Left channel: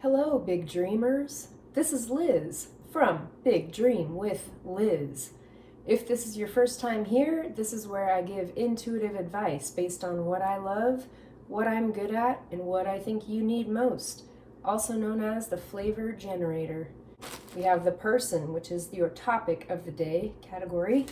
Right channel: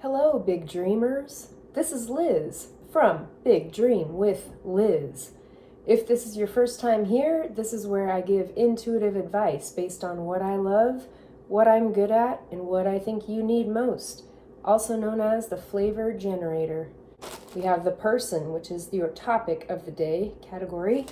Hello, big dreamers. This is Liz from Big Dream with Liz. If this is your first time here, this is where I give intuitive advice based on what I love, what I'm good at, and what I think you need most, also known as the flavor generator. We have the person, which is your topic of the day category,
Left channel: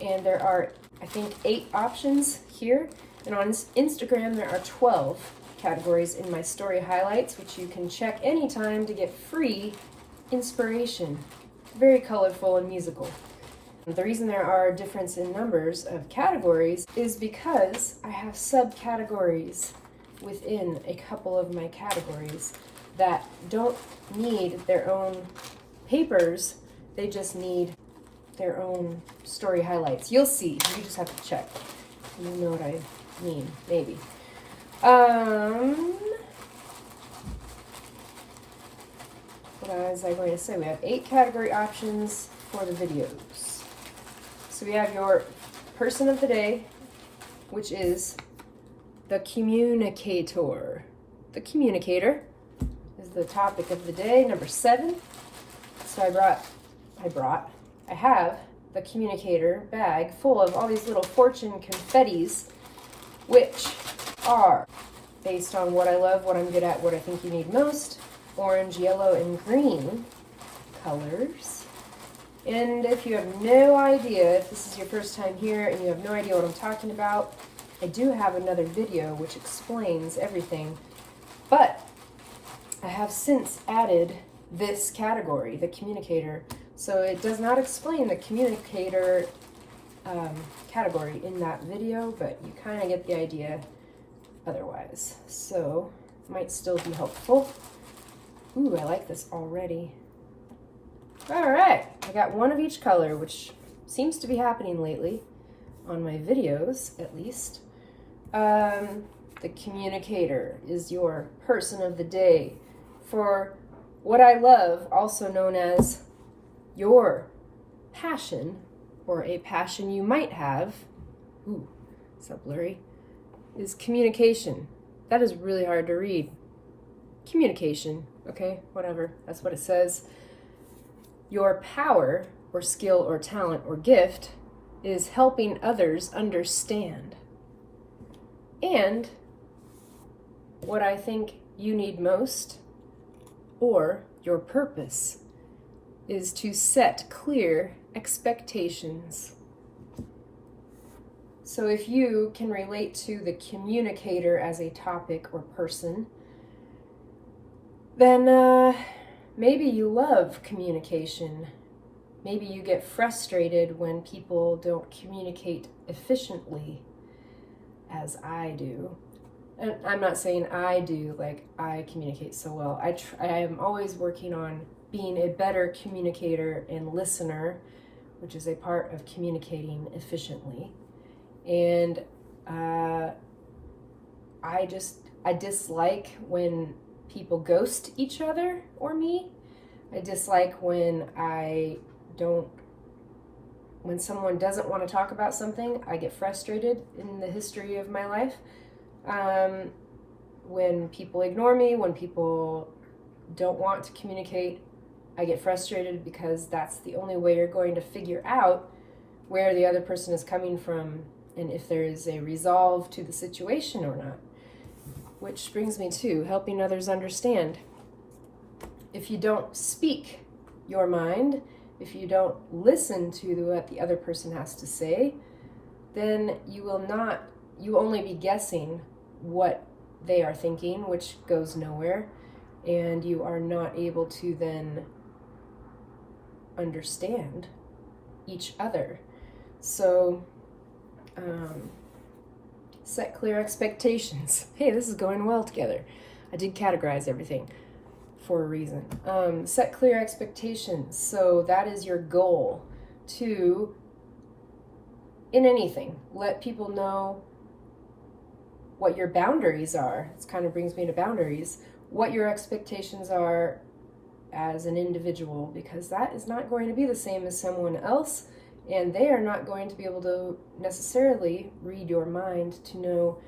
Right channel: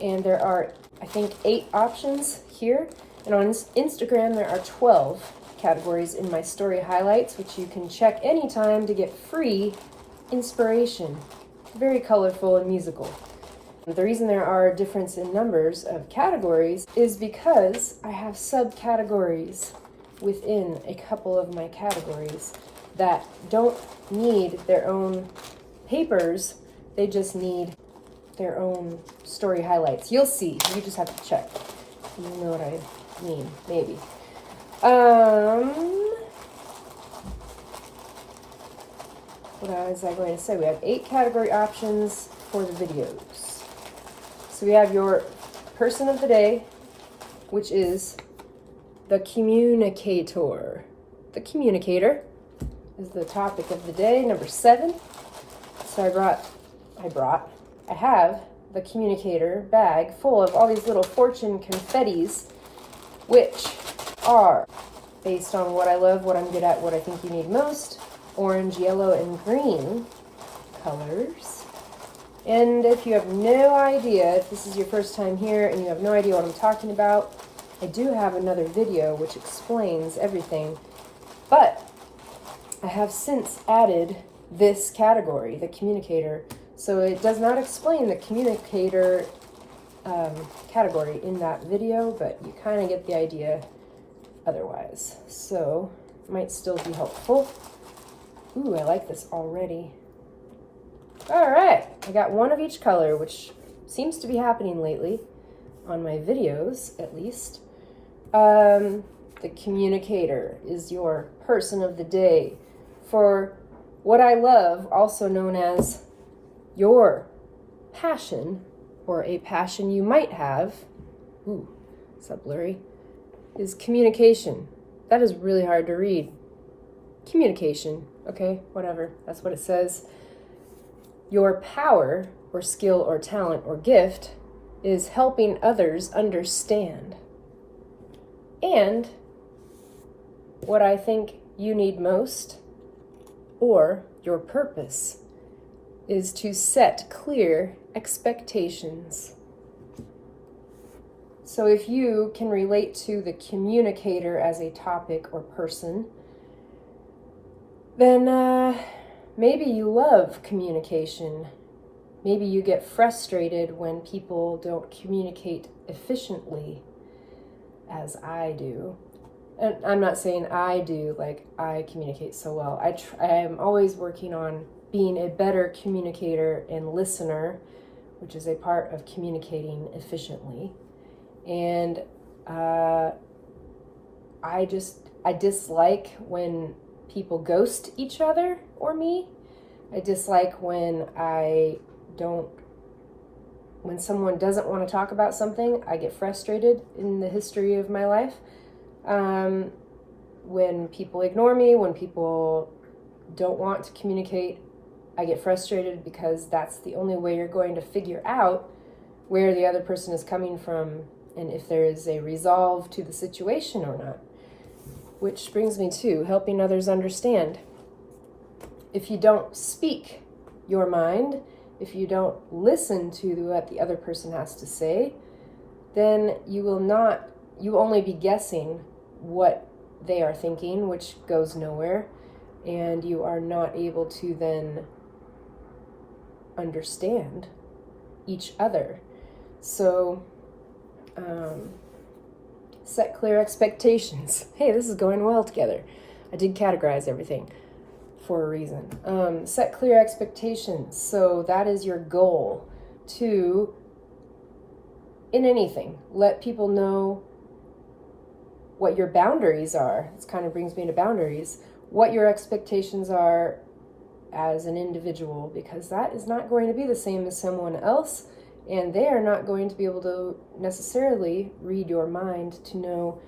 and there are, I think, 8 options here, and on Instagram there are 12 categories in my story highlights, which you can check anytime to get free inspiration. Very colorful and musical. The reason there are a difference in numbers of categories is because I have subcategories within a couple of my categories that don't need their own papers, they just need their own story highlights. You'll see, you just have to check. You know what I mean, maybe. What was I going to say? We have 8 category options for the videos. So we have your person of the day, which is the communicator. The communicator is the topic of the day, number 7. So I have the communicator bag full of all these little fortune confettis, which are based on what I love, what I'm good at, what I think you need most, orange, yellow, and green colors. And if you have no idea, if this is your first time here and you have no idea what I'm talking about, I do have another video which explains everything, but I have since added this category, the communicator, so it does not explain the communicator category in that video, but you kind of get the idea otherwise, so it might still be helpful. Ooh, I like this already. All right, I got one of each color, which seems to be happening lately on my videos, at least. The communicator is your person of the day for what I love, also known as your passion, or a passion you might have. Ooh, is that blurry? Is communication. That is really hard to read. Communication. Okay, whatever. That's what it says. Your power, or skill, or talent, or gift is helping others understand. And what I think you need most, or your purpose, is to set clear expectations. So if you can relate to the communicator as a topic or person, then maybe you love communication. Maybe you get frustrated when people don't communicate efficiently, as I do. And I'm not saying I do, like I communicate so well. I am always working on being a better communicator and listener, which is a part of communicating efficiently. And I dislike when people ghost each other or me. I dislike when someone doesn't want to talk about something. I get frustrated in the history of my life. When people ignore me, when people don't want to communicate, I get frustrated because that's the only way you're going to figure out where the other person is coming from and if there is a resolve to the situation or not. Which brings me to helping others understand. If you don't speak your mind, if you don't listen to what the other person has to say, then you only be guessing what they are thinking, which goes nowhere, and you are not able to then understand each other. So, set clear expectations. Hey, this is going well together. I did categorize everything for a reason. Set clear expectations. So that is your goal to, in anything, let people know what your boundaries are. This kind of brings me to boundaries. What your expectations are as an individual, because that is not going to be the same as someone else, and they are not going to be able to necessarily read your mind to know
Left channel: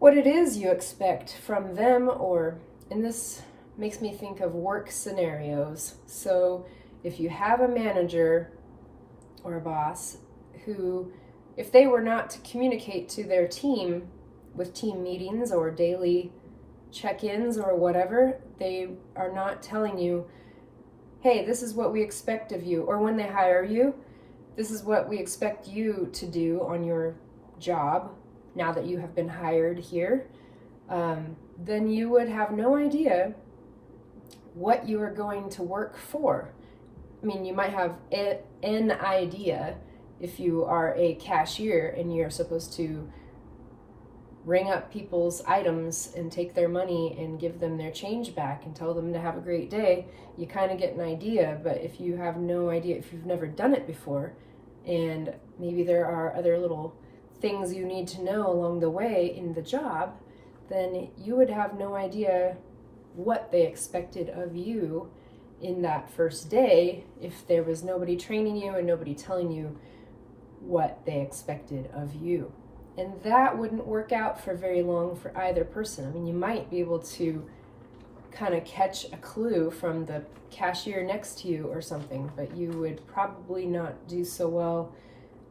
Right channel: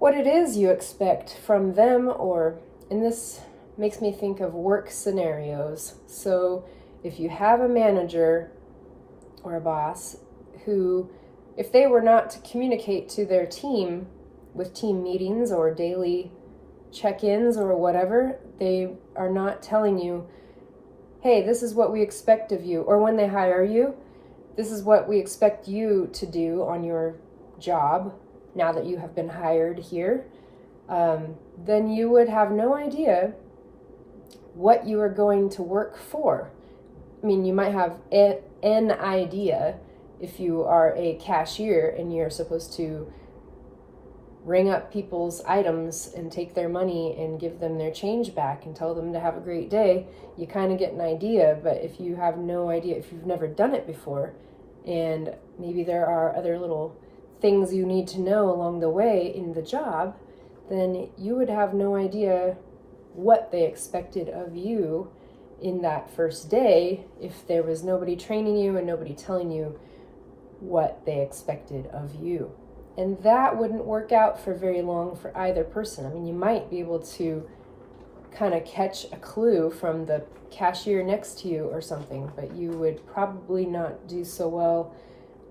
what it is you expect from them, or in this makes me think of work scenarios. So if you have a manager or a boss who, if they were not to communicate to their team with team meetings or daily check-ins or whatever, they are not telling you, hey, this is what we expect of you. Or when they hire you, this is what we expect you to do on your job now that you have been hired here. Then you would have no idea what you are going to work for. I mean, you might have an idea if you are a cashier and you're supposed to ring up people's items and take their money and give them their change back and tell them to have a great day. You kind of get an idea, but if you have no idea, if you've never done it before, and maybe there are other little things you need to know along the way in the job, then you would have no idea what they expected of you in that first day if there was nobody training you and nobody telling you what they expected of you. And that wouldn't work out for very long for either person. I mean, you might be able to kind of catch a clue from the cashier next to you or something, but you would probably not do so well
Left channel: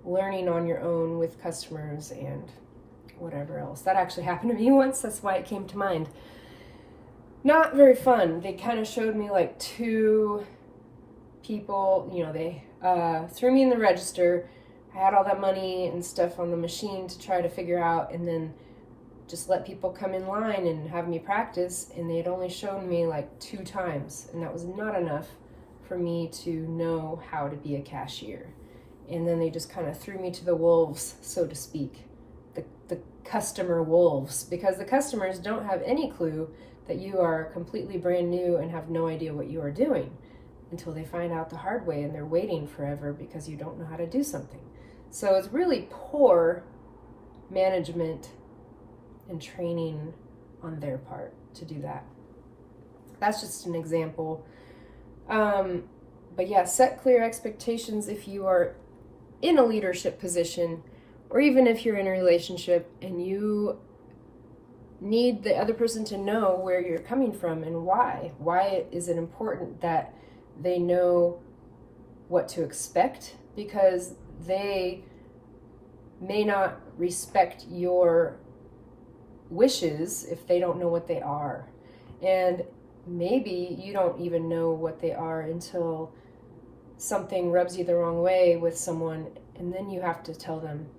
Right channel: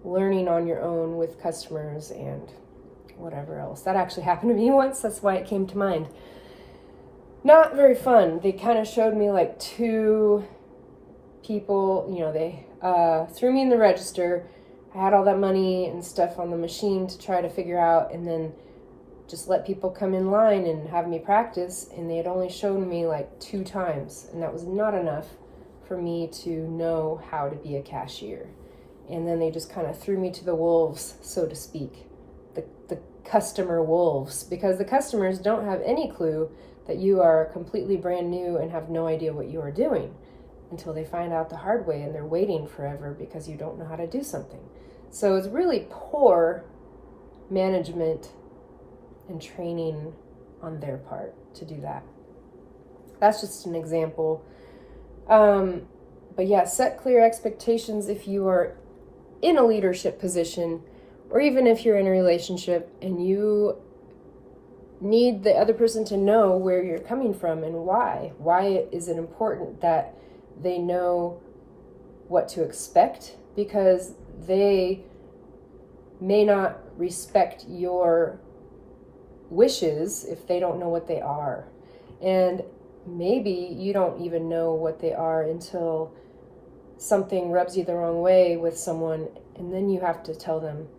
learning on your own with customers and whatever else. That actually happened to me once. That's why it came to mind. Not very fun. They kind of showed me like two people, they threw me in the register. I had all that money and stuff on the machine to try to figure out, and then just let people come in line and have me practice, and they had only shown me like 2 times, and that was not enough for me to know how to be a cashier. And then they just kind of threw me to the wolves, so to speak, the customer wolves, because the customers don't have any clue that you are completely brand new and have no idea what you are doing until they find out the hard way, and they're waiting forever because you don't know how to do something. So it's really poor management and training on their part to do that. That's just an example. But yeah, set clear expectations if you are in a leadership position, or even if you're in a relationship and you need the other person to know where you're coming from and why. Why is it important that they know what to expect? Because they may not respect your wishes if they don't know what they are. And maybe you don't even know what they are until something rubs you the wrong way with someone, and then you have to tell them,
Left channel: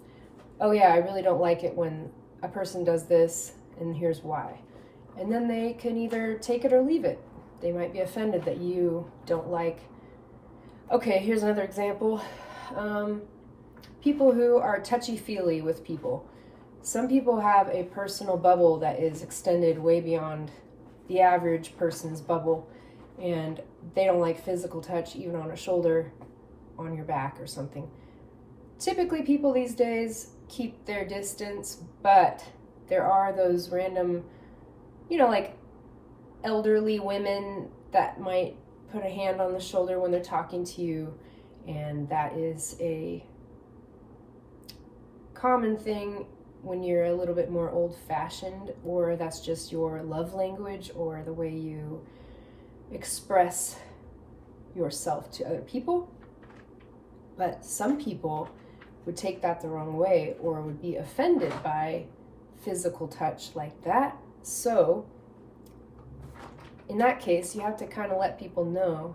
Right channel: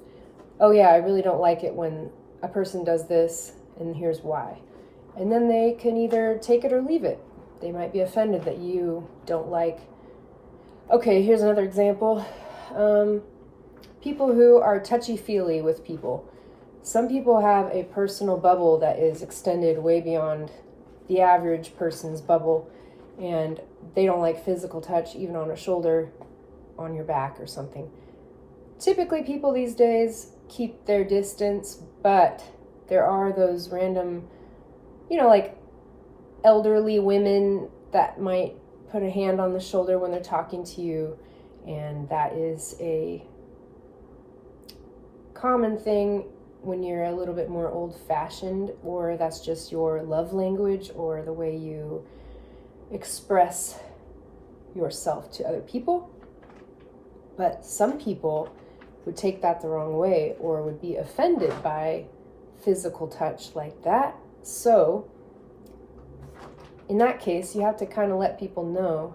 oh yeah, I really don't like it when a person does this, and here's why. And then they can either take it or leave it. They might be offended that you don't like. Okay, here's another example. People who are touchy-feely with people. Some people have a personal bubble that is extended way beyond the average person's bubble, and they don't like physical touch, even on a shoulder, on your back or something. Typically, people these days keep their distance, but there are those random, like elderly women that might put a hand on the shoulder when they're talking to you, and that is a common thing when you're a little bit more old-fashioned, or that's just your love language or the way you express yourself to other people. But some people would take that the wrong way or would be offended by physical touch like that. So in that case, you have to kind of let people know,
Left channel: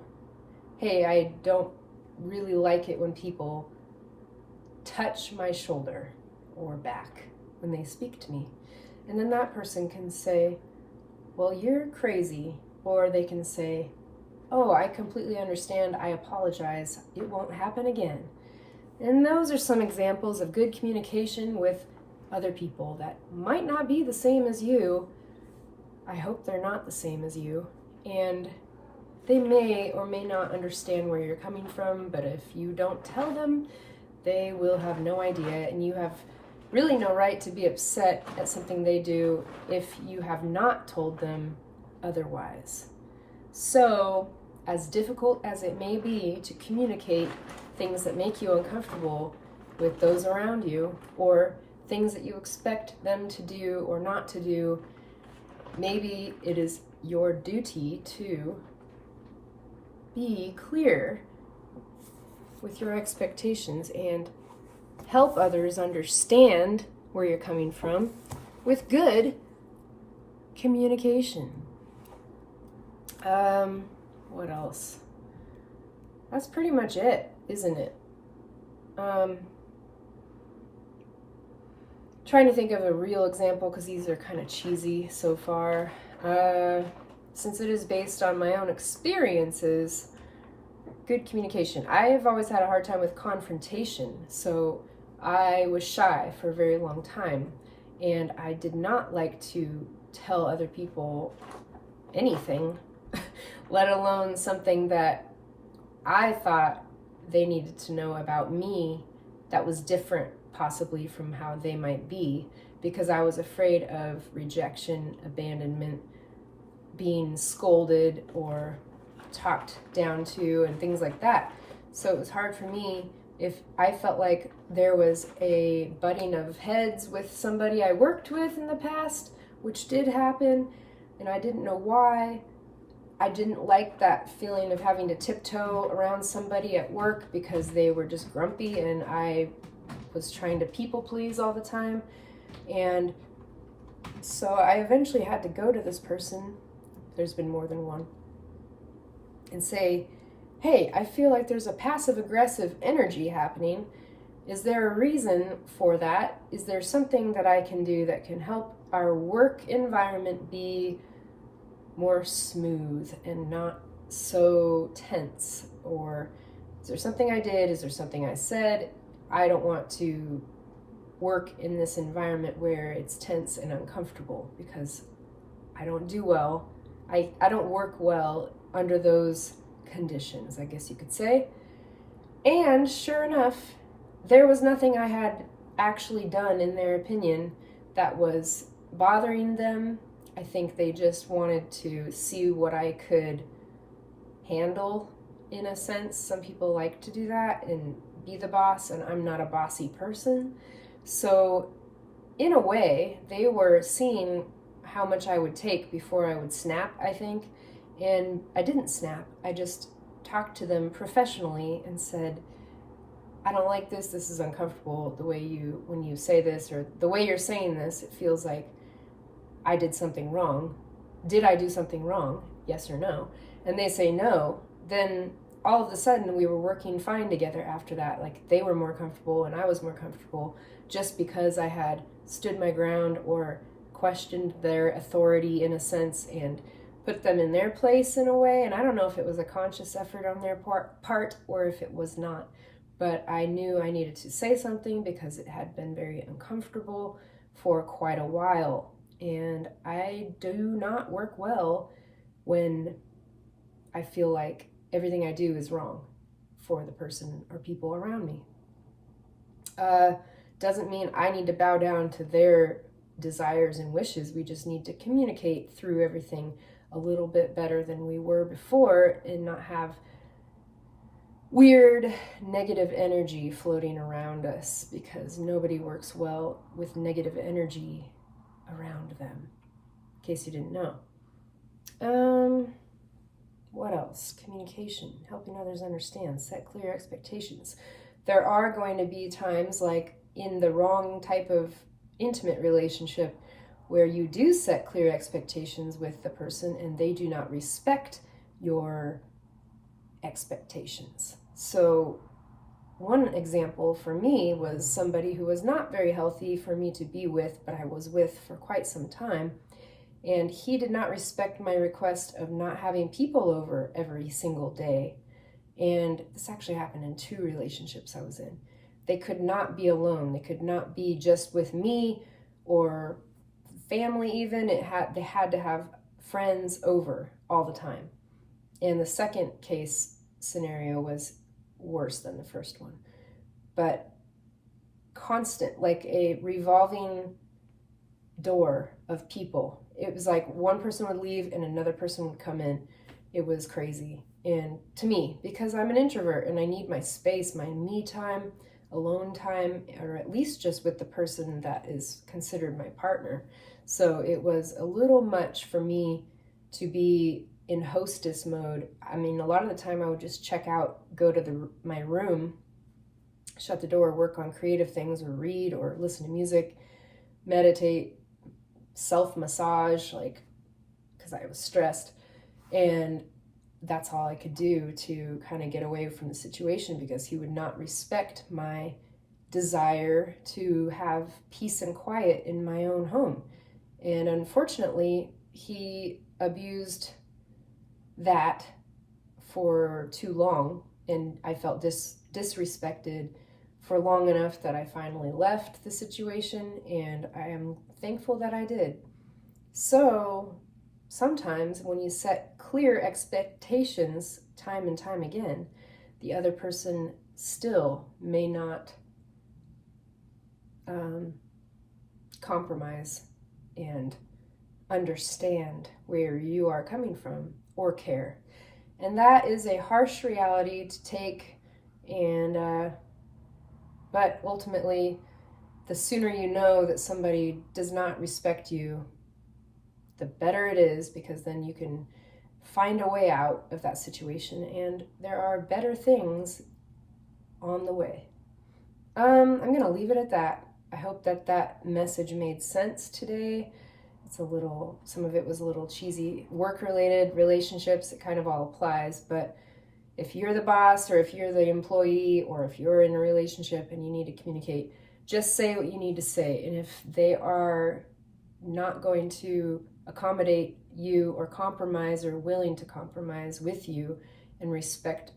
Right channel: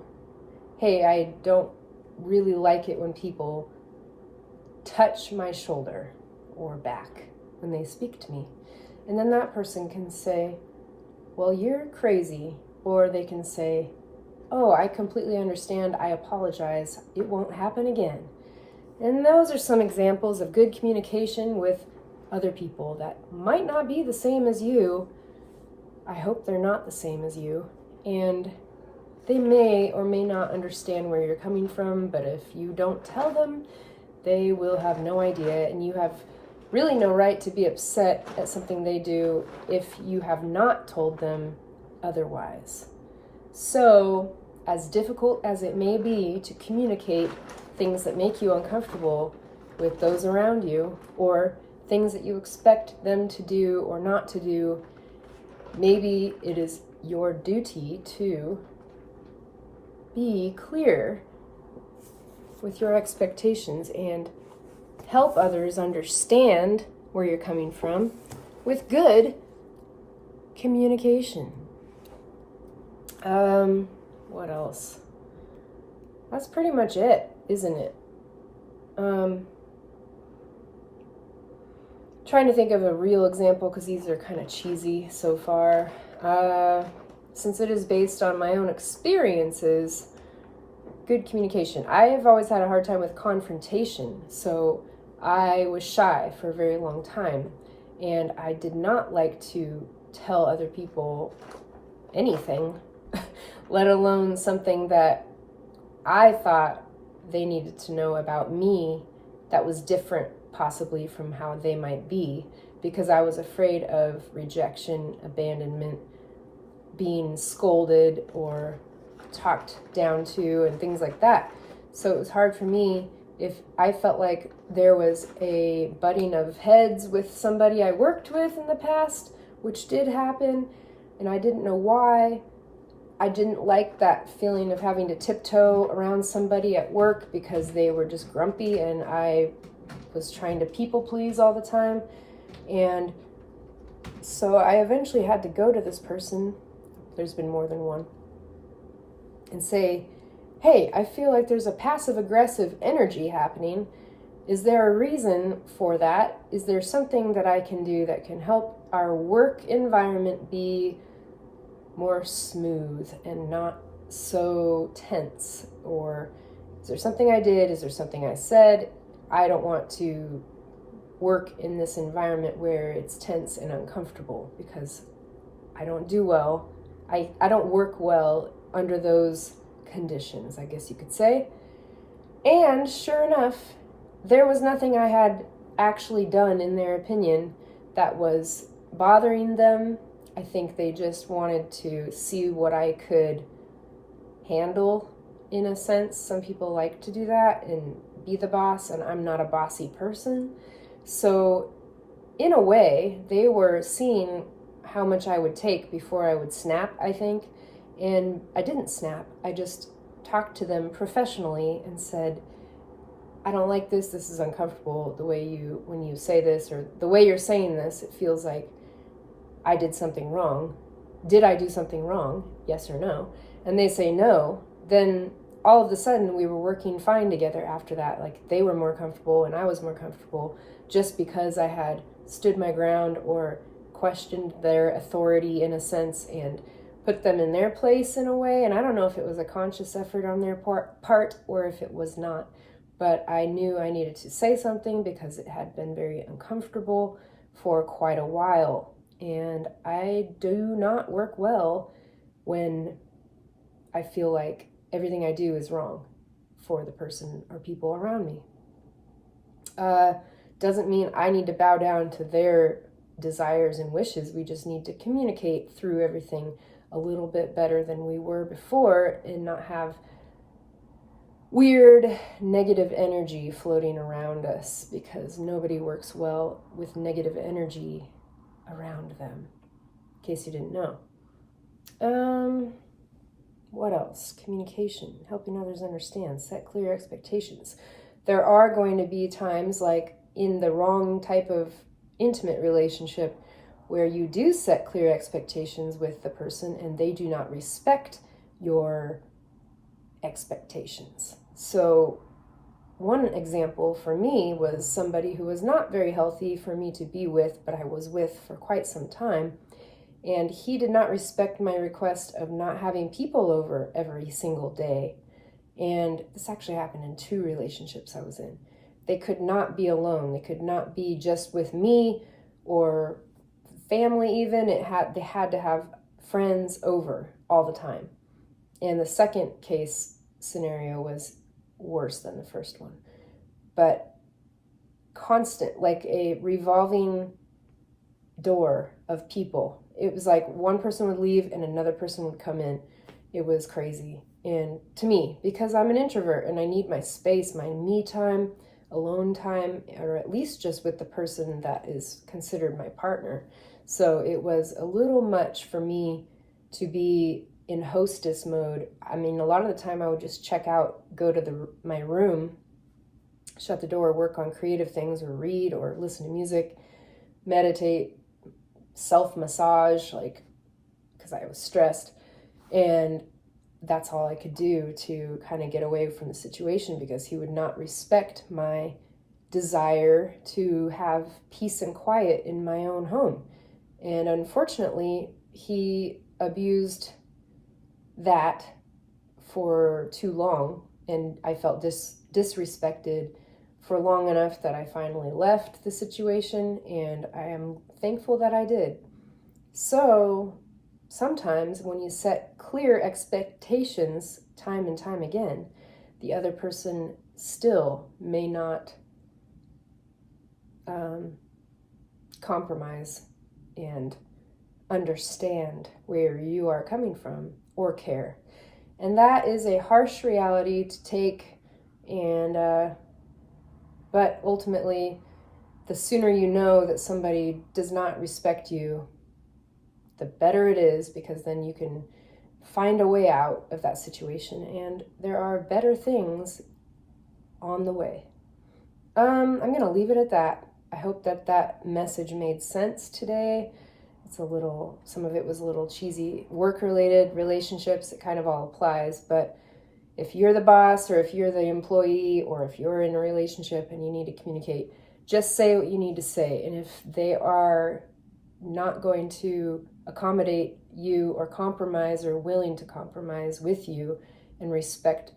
hey, I don't really like it when people touch my shoulder or back when they speak to me. And then that person can say, well, you're crazy. Or they can say, oh, I completely understand. I apologize. It won't happen again. And those are some examples of good communication with other people that might not be the same as you. I hope they're not the same as you. And they may or may not understand where you're coming from, but if you don't tell them, they will have no idea, and you have really no right to be upset at something they do if you have not told them otherwise. So, as difficult as it may be to communicate things that make you uncomfortable with those around you, or things that you expect them to do or not to do, maybe it is your duty to be clear with your expectations and help others understand where you're coming from with good communication. What else? That's pretty much it, isn't it? Trying to think of a real example because these are kind of cheesy so far. Since it is based on my own experiences, good communication. I have always had a hard time with confrontation, so I was shy for a very long time, and I did not like to tell other people anything, let alone something that I thought they needed to know about me that was different possibly from how they might be, because I was afraid of rejection, abandonment, being scolded or talked down to and things like that. So it was hard for me if I felt like there was a butting of heads with somebody I worked with in the past, which did happen, and I didn't know why. I didn't like that feeling of having to tiptoe around somebody at work because they were just grumpy and I was trying to people please all the time. And so I eventually had to go to this person, there's been more than one, and say, hey, I feel like there's a passive aggressive energy happening. Is there a reason for that? Is there something that I can do that can help our work environment be more smooth and not so tense? Or is there something I did? Is there something I said? I don't want to work in this environment where it's tense and uncomfortable, because I don't do well. I don't work well under those conditions, I guess you could say. And sure enough, there was nothing I had actually done, in their opinion, that was bothering them. I think they just wanted to see what I could handle, in a sense. Some people like to do that and be the boss, and I'm not a bossy person. So in a way, they were seeing how much I would take before I would snap, I think. And I didn't snap. I just talked to them professionally and said, I don't like this. This is uncomfortable. The way when you say this, or the way you're saying this, it feels like I did something wrong. Did I do something wrong? Yes or no? And they say no. Then all of a sudden we were working fine together after that. Like, they were more comfortable and I was more comfortable just because I had stood my ground or questioned their authority in a sense and put them in their place in a way. And I don't know if it was a conscious effort on their part or if it was not, but I knew I needed to say something because it had been very uncomfortable for quite a while. And I do not work well when I feel like everything I do is wrong for the person or people around me. Doesn't mean I need to bow down to their desires and wishes. We just need to communicate through everything a little bit better than we were before and not have weird negative energy floating around us, because nobody works well with negative energy around them, in case you didn't know. What else? Communication, helping others understand, set clear expectations. There are going to be times, like in the wrong type of intimate relationship, where you do set clear expectations with the person and they do not respect your expectations. So one example for me was somebody who was not very healthy for me to be with, but I was with for quite some time. And he did not respect my request of not having people over every single day. And this actually happened in 2 relationships I was in. They could not be alone. They could not be just with me or family even. They had to have friends over all the time. And the second case scenario was worse than the first one. But constant, like a revolving door of people. It was like one person would leave and another person would come in. It was crazy. And to me, because I'm an introvert and I need my space, my me time, alone time, or at least just with the person that is considered my partner. So it was a little much for me to be in hostess mode. I mean, a lot of the time I would just check out, go to my room, shut the door, work on creative things, or read, or listen to music, meditate, self-massage, like, because I was stressed. And that's all I could do to kind of get away from the situation, because he would not respect my desire to have peace and quiet in my own home. And unfortunately, he abused that for too long, and I felt disrespected for long enough that I finally left the situation, and I am thankful that I did. So sometimes when you set clear expectations time and time again, the other person still may not compromise and understand where you are coming from or care. And that is a harsh reality to take, and but ultimately, the sooner you know that somebody does not respect you, the better it is, because then you can find a way out of that situation, and there are better things on the way. I'm going to leave it at that. I hope that that message made sense today. Some of it was a little cheesy. Work-related, relationships, it kind of all applies, but if you're the boss, or if you're the employee, or if you're in a relationship and you need to communicate, just say what you need to say. And if they are not going to accommodate you or compromise, or willing to compromise with you and respect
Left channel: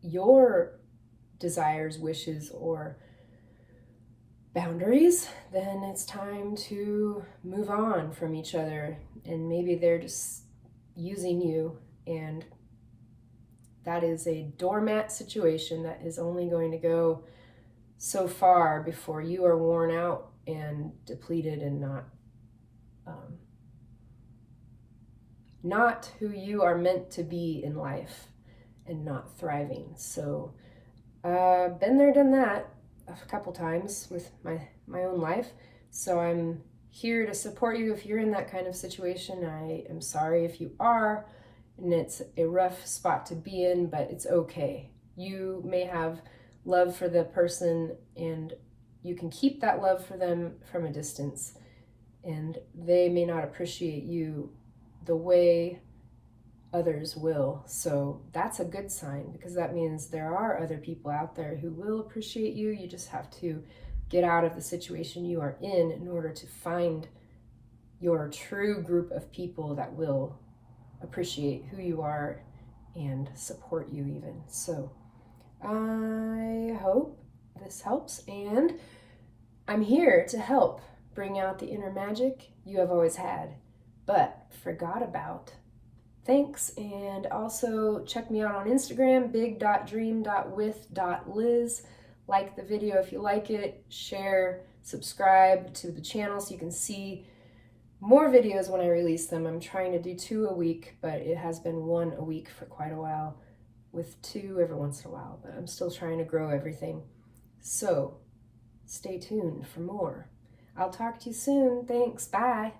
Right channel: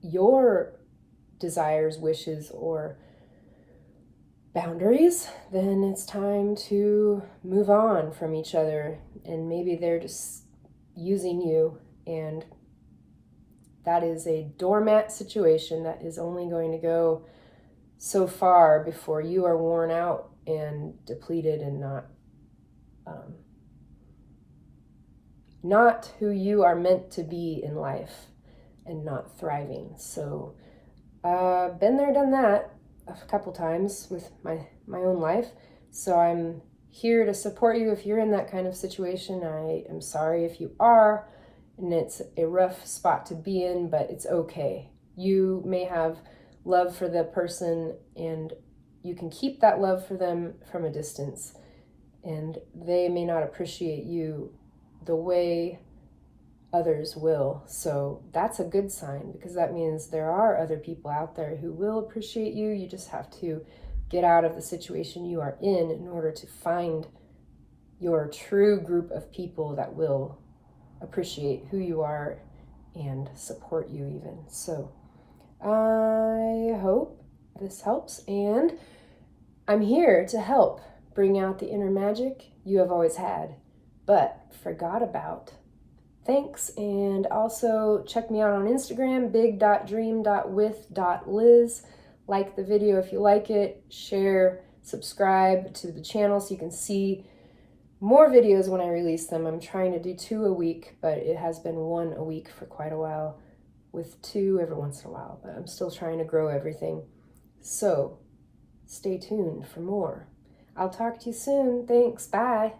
your desires, wishes, or boundaries, then it's time to move on from each other. And maybe they're just using you, and that is a doormat situation that is only going to go so far before you are worn out and depleted and not who you are meant to be in life, and not thriving. So been there, done that a couple times with my own life. So I'm here to support you if you're in that kind of situation. I am sorry if you are, and it's a rough spot to be in, but it's okay. You may have love for the person, and you can keep that love for them from a distance, and they may not appreciate you the way others will. So that's a good sign, because that means there are other people out there who will appreciate you. You just have to get out of the situation you are in order to find your true group of people that will appreciate who you are and support you even. So I hope this helps, and I'm here to help bring out the inner magic you have always had but forgot about. Thanks, and also check me out on Instagram, big.dream.with.liz. Like the video if you like it, share, subscribe to the channel so you can see more videos when I release them. I'm trying to do 2 a week, but it has been 1 a week for quite a while, with 2 every once in a while, but I'm still trying to grow everything. So stay tuned for more. I'll talk to you soon. Thanks. Bye.